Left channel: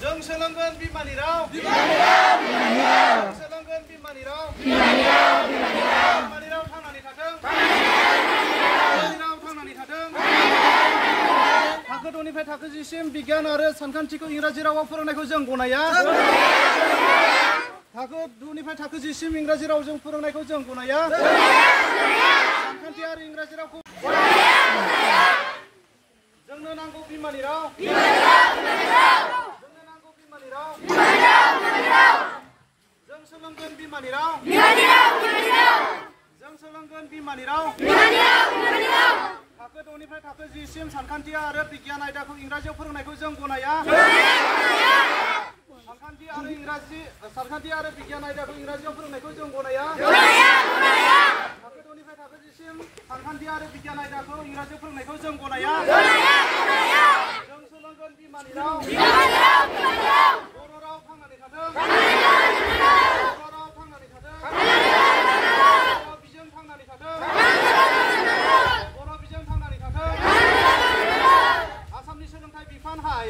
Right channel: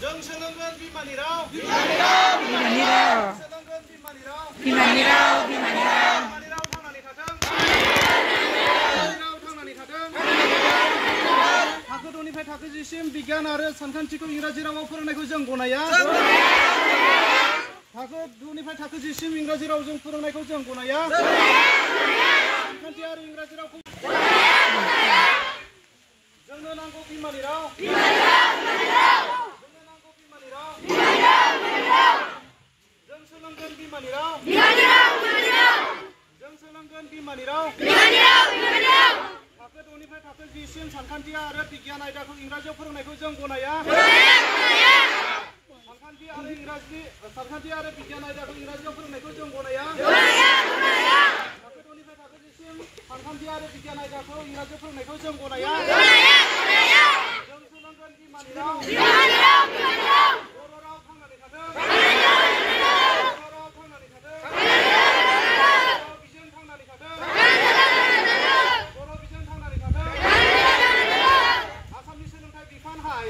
जों सोलोंगोन बिमानि राव बिमानि राव सोलोंगोन बिमानि राव बिमानि राव बिमानि राव थांनानै थाथों बिमानि राव थांनानै थाथों थाखो 2 निफ्राय थाखो 10 सिम बिगियान आरो सानखान्थिखौ इंराजि रावाव फोरोंनायखौ जों गनाया थाखो 2 निफ्राय थाखो 10 सिम इंराजि रावजों फोरोंनायखौ जों गनाया सानखान्थि आरो इंराजि रावखौ जोंनो नांगौ बिमानि राव जोंनो नांगौ बिमानि राव जों सोलोंगोन बिमानि राव जों सोलोंगोन बिमानि राव थाखो 2 निफ्राय थाखो 10 सिम सानखान्थि आरो बिगियान आयदाखौ इंराजियाव फोरोंनायखौ जों गनाया सानखान्थि आरो बिगियान आयदाखौ इंराजियाव फोरोंनायखौ जों गनाया थाखो 2 निफ्राय थाखो 10 सिम सानखान्थि आरो बिगियान आयदाखौ इंराजियाव फोरोंनायखौ जों गनाया जों सोलोंगोन बिमानि राव बर' राव थांनानै थाथों बर' राव थांनानै थाथों बर' बिजों थांनानै थाथों बर' बिजों थांनानै थाथों आसामनि सोलोंथाइ बिफान हाय